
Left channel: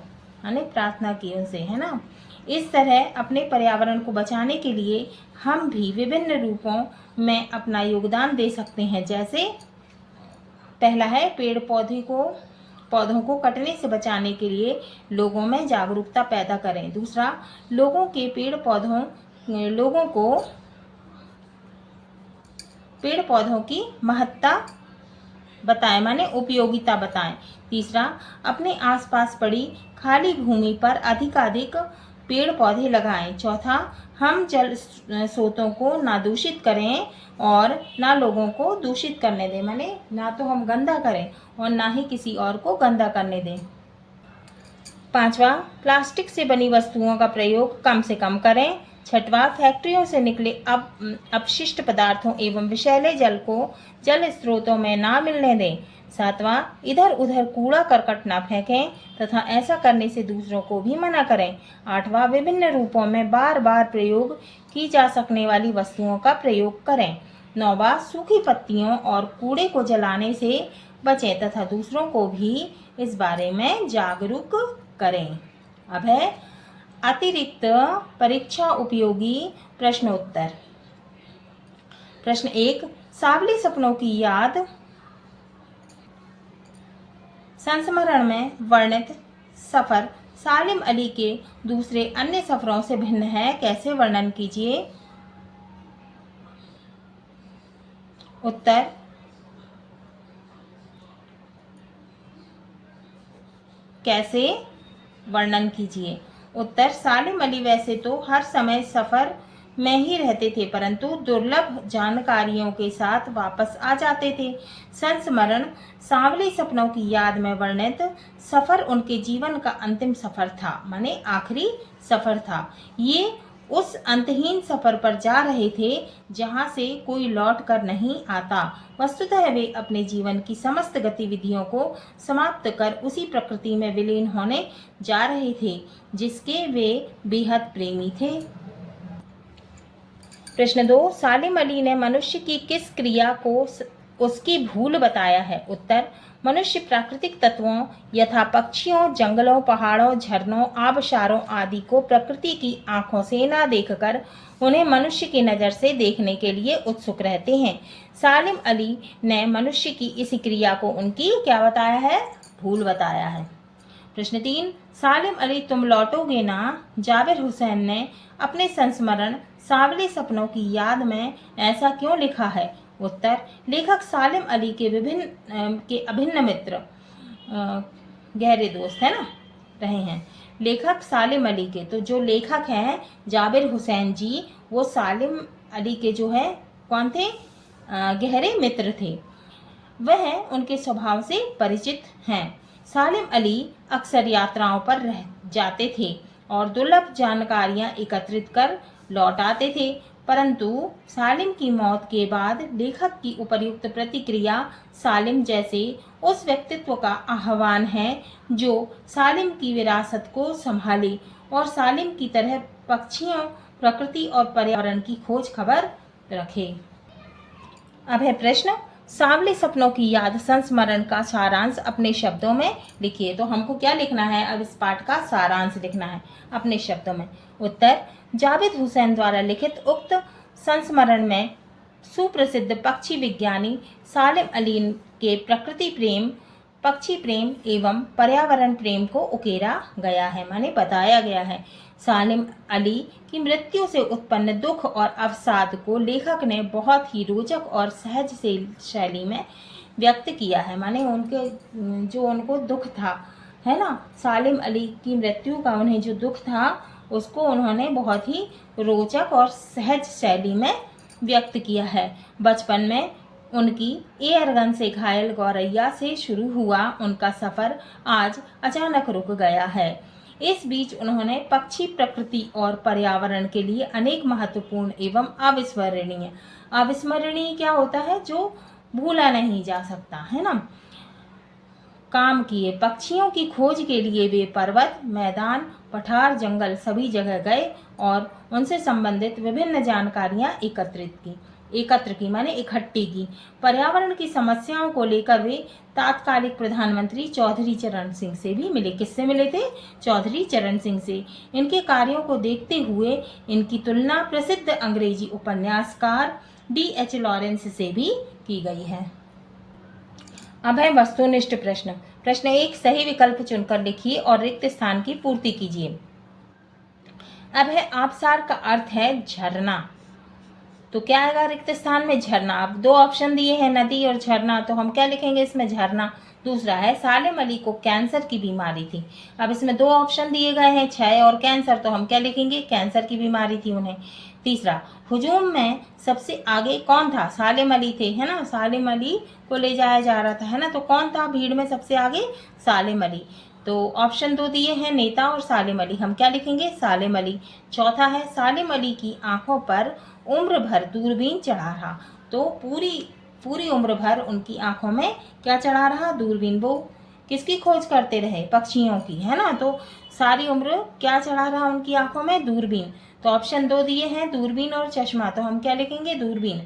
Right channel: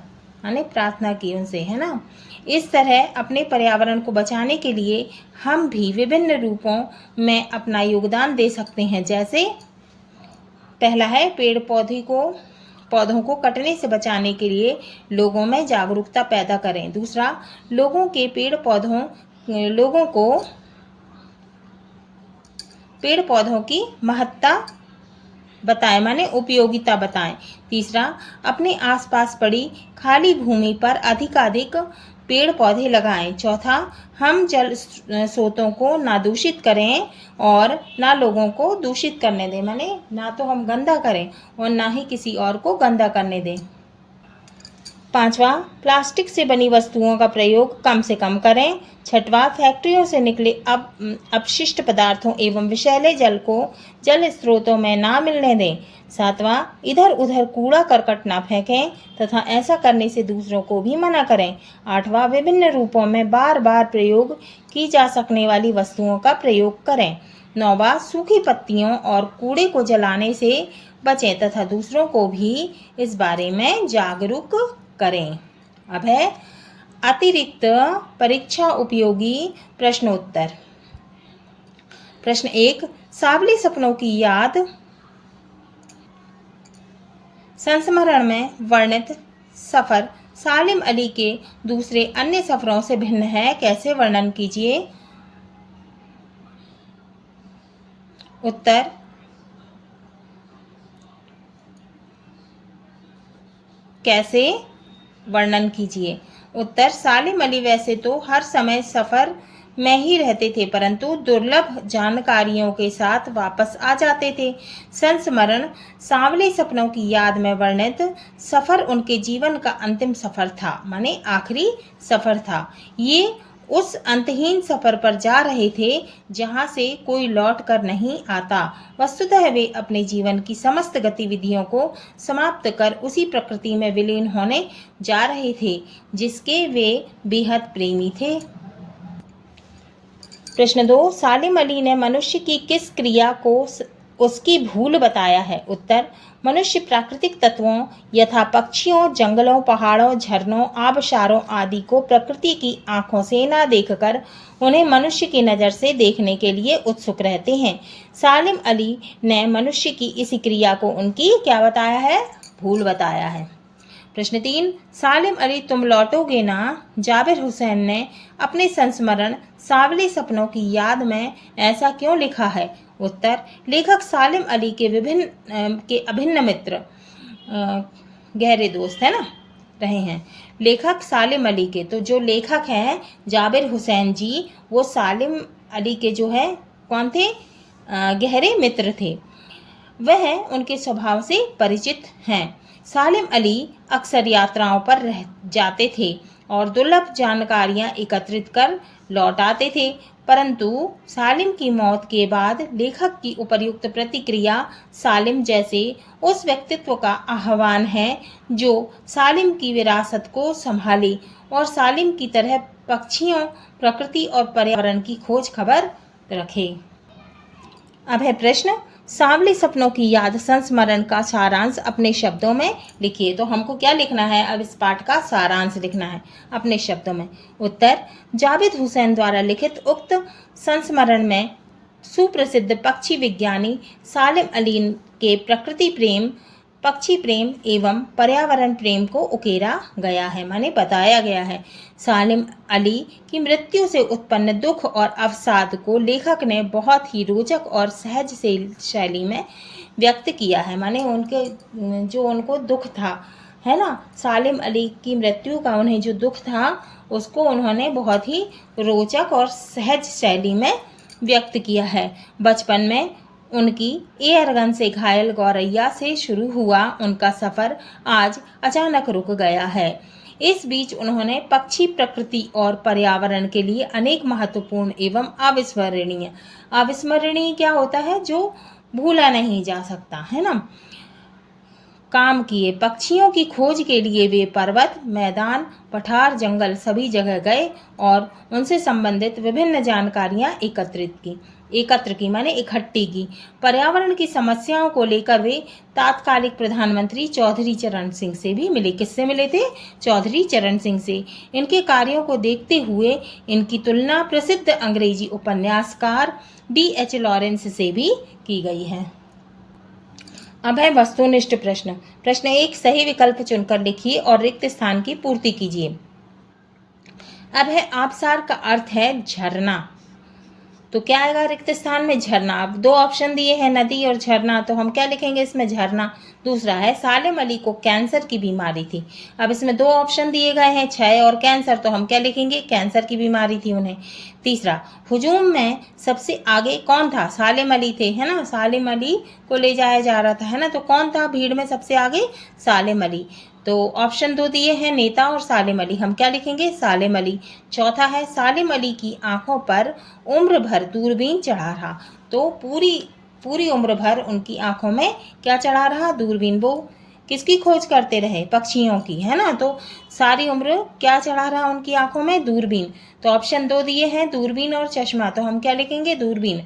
यानी प्रार्थना की उनसे, है ना। इस तरह अपने पर्यावरण को बचाने के लिए हम भी विभिन्न रूपों में अपना योगदान दे सकते हैं। जैसे पहला है पौधों को कटने से बचाने के लिए लोगों में जागरूकता पैदा करें। दूसरा, लोगों को पेड़ पौधों की महत्ता बताएं, माने उपयोगिता बताएं। तीसरा, अपने आसपास पड़ी खाली भूमि पर अधिकाधिक पेड़ पौधे लगाएं। चौथा, हम जल स्रोतों को ना दूषित करें और ना लोगों को दूषित करने दें, माने ना तो हम गंदा करें और ना ही किसी और को गंदा करने दें। 5वां, प्लास्टिक से बनी वस्तुओं का प्रयोग कम से कम करें। 6वां, फैक्ट्रियों से निकले अपशिष्ट पदार्थों एवं विषैले जल को जल स्रोतों में ना मिलने दें। 7वां, इधर उधर कूड़ा करकट ना फेंकें तथा ऐसा करने से दूसरों को भी मना करें। 8वां, विभिन्न रूपों में बार बार प्रयोग की जा सकने वाली वस्तुओं का प्रयोग करें। 9वां, सूखी पत्तियों और कूड़े को जलाने से बचें तथा दूसरों को भी इस बारे में जागरूक करें। अब है अतिरिक्त परीक्षा उपयोगी प्रश्नोत्तर। प्रश्न 1, सावली सपनों की याद संस्मरण में वर्णित सफर सालिम अली के दूसरे अन्य सफरों से भिन्न है, कैसे वर्णन कीजिए। उत्तर, कैसे वर्णन कीजिए। उत्तर, सालिम अली वैसे तो हर समय सफर में ही रहते थे, परंतु दुर्लभ जानकारियों के साथ वापस आ जाते थे। संस्मरण सांवले सपनों की याद में वर्णित सफर उनके जीवन का अंतिम सफर था, माने आखिरी सफर था। ये उस अंतहीन सफर पर जा रहे थे जहां से कोई लौट कर नहीं आता। वस्तुतः वे अपने जीवन की समस्त गतिविधियों को समाप्त कर उसी प्रकृति में विलीन होने जा रहे थे जिसके वे बेहद प्रेमी थे। प्रश्न 2, सालिम अली ने मनुष्य की किस क्रिया को उसकी भूल बताया है। उत्तर, मनुष्य प्राकृतिक तत्वों यथा पक्षियों, जंगलों, पहाड़ों, झरनों, आबशारों आदि को प्रकृति की आंखों से न देखकर उन्हें मनुष्य की नज़र से देखने के लिए उत्सुक रहते हैं। सालिम अली ने मनुष्य की इस क्रिया को उनकी क्या बताया है, भूल बताया है। प्रश्न 3, सालिम अली तुम लौटोगे ना, जाबिर हुसैन ने अपने संस्मरण सांवले सपनों की याद में ऐसा क्यों लिखा है। उत्तर, लेखक सालिम अली के अभिन्न मित्र गहरे दोस्त है ना रहे हैं। लेखक सालिम अली के, तो जो लेखक हैं जाबिर हुसैन जी, वो सालिम अली के जो है कौन थे, गहरे मित्र थे। वह उनके स्वभाव से परिचित हैं। सालिम अली अक्सर यात्राओं पर रह जाते थे और दुर्लभ जानकारियां एकत्रित कर लौट आते थे, परंतु सालिम की मौत के बाद लेखक की उपर्युक्त प्रतिक्रिया सालिम जैसे उस व्यक्तित्व का आह्वान है जो सालिम की विरासत को संभाले और सालिम की तरह पक्षियों, प्रकृति और पर्यावरण की खोज खबर रखे। अब है प्रश्न, सांवले सपनों की याद संस्मरण का सारांश अपने शब्दों में लिखिए। तो हमको क्या लिखना है, अब इस पाठ का सारांश लिखना है अपने शब्दों में। उत्तर, जाबिर हुसैन द्वारा लिखित उक्त संस्मरण में सुप्रसिद्ध पक्षी विज्ञानी सालिम अली के प्रकृति प्रेम, पक्षी प्रेम एवं पर्यावरण प्रेम को उकेरा गया है, माने बताया गया है। सालिम अली की मृत्यु से उत्पन्न दुख और अवसाद को लेखक ने बहुत ही रोचक और सहज शैली में व्यक्त किया है, माने उनके जो उनको दुख था है ना, सालिम अली की मृत्यु का उन्हें जो दुख था उसको उन्होंने बहुत ही रोचक और सहज शैली में व्यक्त किया है। बचपन में उनकी एयरगन से घायल गौरैया से शुरू हुआ उनका सफ़र आज अचानक रुक गया है। इस बीच उन्होंने पक्षी, प्रकृति और पर्यावरण के लिए अनेक महत्वपूर्ण एवं अविस्मरणीय क्या होता है, जो भूला नहीं जा सकता है ना, काम किए। पक्षियों की खोज के लिए वे पर्वत, मैदान, पठार, जंगल सभी जगह गए और उनसे संबंधित विभिन्न जानकारियां एकत्र की माने इकट्ठी की। पर्यावरण की समस्याओं को लेकर वे तात्कालिक प्रधानमंत्री चौधरी चरण सिंह से भी मिले। किससे मिले थे, चौधरी चरण सिंह से। इनके कार्यों को देखते हुए इनकी तुलना प्रसिद्ध अंग्रेजी उपन्यासकार D.H. लॉरेंस से भी की गई है। अब है वस्तुनिष्ठ प्रश्न। प्रश्न 1, सही विकल्प चुनकर लिखिए और रिक्त स्थान की पूर्ति कीजिए। अब है आबशार का अर्थ है झरना, तो क्या आएगा रिक्त स्थान में, झरना। अब दो ऑप्शन दिए हैं, नदी और झरना, तो हम क्या लिखेंगे इसमें, झरना। दूसरा है सालिम अली को कैंसर की बीमारी थी। अब इसमें दो ऑप्शन दिए गए हैं, क्षय और कैंसर, तो हम क्या लिखेंगे, कैंसर की बीमारी थी उन्हें। तीसरा, हुजूम में सबसे आगे कौन था, सालिम अली थे है ना, सालिम अली को ले जाया जा रहा था है ना, तो कौन था भीड़ में सबसे आगे, सालिम अली। तो ऑप्शन 2 दिए हैं नेता और सालिम अली, हम क्या लिखेंगे? सालिम अली। चौथा है सालिम अली की आंखों पर उम्र भर दूरबीन चढ़ा रहा। तो पूरी उम्र भर उनकी आंखों में क्या चढ़ा रहा? दूरबीन। वो किसकी खोज करते रहे? पक्षियों की, है ना। तो सारी उम्र क्या चढ़ा रहा उनकी आंखों में? दूरबीन। तो ऑप्शन 2 दिए हैं दूरबीन और चश्मा, तो हम क्या लिखेंगे? दूरबीन।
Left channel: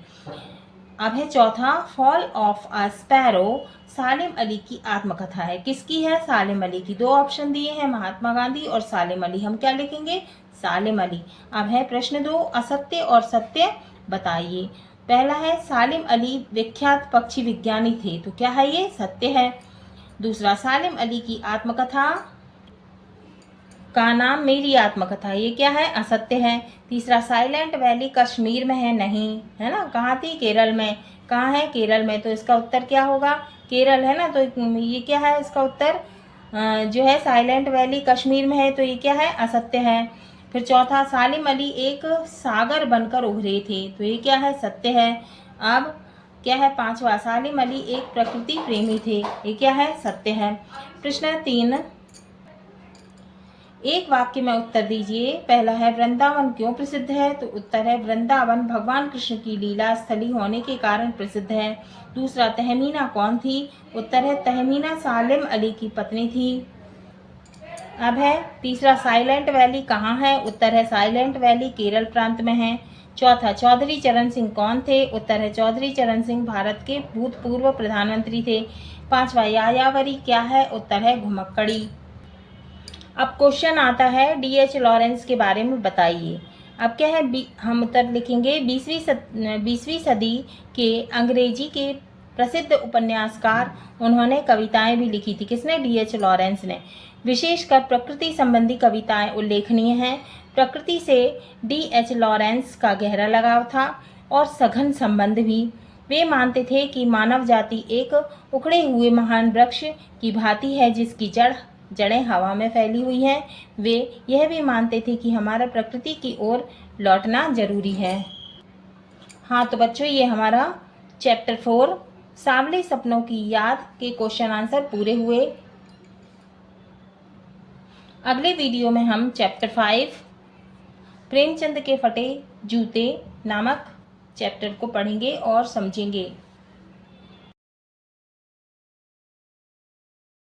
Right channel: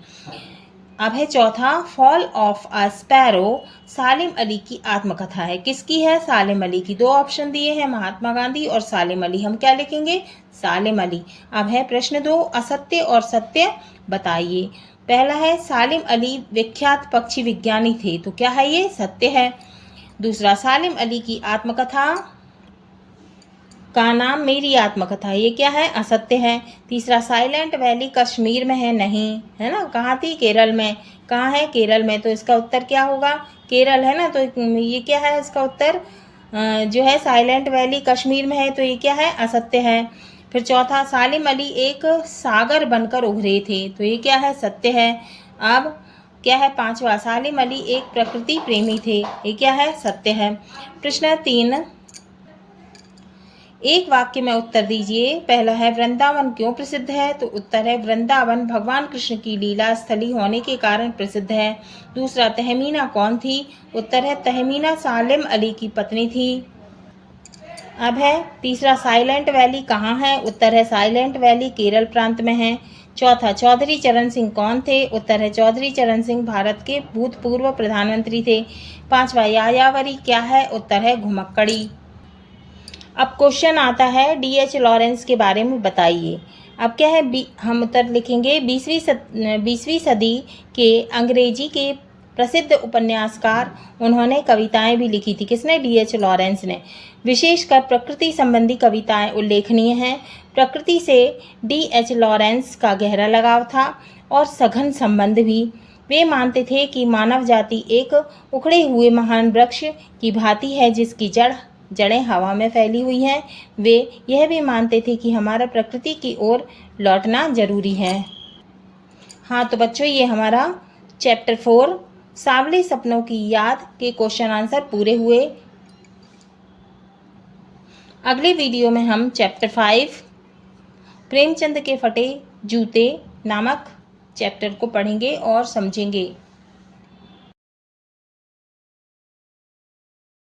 अब है चौथा फॉल ऑफ अ स्पैरो सालिम अली की आत्मकथा है। किसकी है? सालिम अली की। 2 ऑप्शन दिए हैं महात्मा गांधी और सालिम अली, हम क्या लिखेंगे? सालिम अली। अब है प्रश्न 2 असत्य और सत्य बताइए। पहला है सालिम अली विख्यात पक्षी विज्ञानी थे, तो क्या है ये? सत्य है। दूसरा सालिम अली की आत्मकथा का नाम मेरी आत्मकथा, ये क्या है? असत्य है। तीसरा साइलेंट वैली कश्मीर में है, नहीं, है ना। कहाँ थी? केरल में। कहाँ है? केरल में। तो इसका उत्तर क्या होगा? केरल, है ना। तो ये क्या है? इसका उत्तर जो है साइलेंट वैली कश्मीर में है, तो ये क्या है? असत्य है। फिर चौथा सालिम अली एक सागर बनकर उभरे थे, तो ये क्या है? सत्य है। अब क्या है? पांचवा सालिम अली एक प्रकृति प्रेमी थे, ये क्या है? सत्य है। प्रश्न 3 एक वाक्य में उत्तर दीजिए। पहला है वृंदावन क्यों प्रसिद्ध है? तो उत्तर है वृंदावन भगवान कृष्ण की लीला स्थली होने के कारण प्रसिद्ध है। दूसरा तहमीना कौन थी? उत्तर है तहमीना सालिम अली की पत्नी थी। अब है तीसरा साइलेंट वैली कहाँ है? उत्तर है साइलेंट वैली केरल प्रांत में है। चौथा चौधरी चरण सिंह कौन थे? उत्तर है चौधरी चरण सिंह भारत के भूतपूर्व प्रधानमंत्री थे। पांचवा यायावरी क्या है? उत्तर है घुमक्कड़ी। अब क्वेश्चन आता है डीएच लॉरेंस के बारे में बताइए। अब क्या है? हम उत्तर लिखेंगे 20वीं सदी के अंग्रेजी के प्रसिद्ध उपन्यासकार, उन्होंने कविताएं भी लिखी थी। किसने? डीएच लॉरेंस ने। विशेषकर प्रकृति संबंधी कविताएं उल्लेखनीय हैं। प्रकृति से डीएच लॉरेंस का गहरा लगाव था और सघन संबंध भी। वे मानते थे कि मानव जाति एक उखड़े हुए महान वृक्ष की भांति है जिसकी जड़ें हवा में फैली हुई हैं। वे यह भी मानते थे कि हमारा प्रकृति की ओर लौटना जरूरी है। हाँ तो बच्चों, ये हमारा चैप्टर 4 सांवले सपनों की याद के क्वेश्चन आंसर पूरे हुए। अगले वीडियो में हम चैप्टर 5 प्रेमचंद के फटे जूते नामक चैप्टर को पढ़ेंगे और समझेंगे।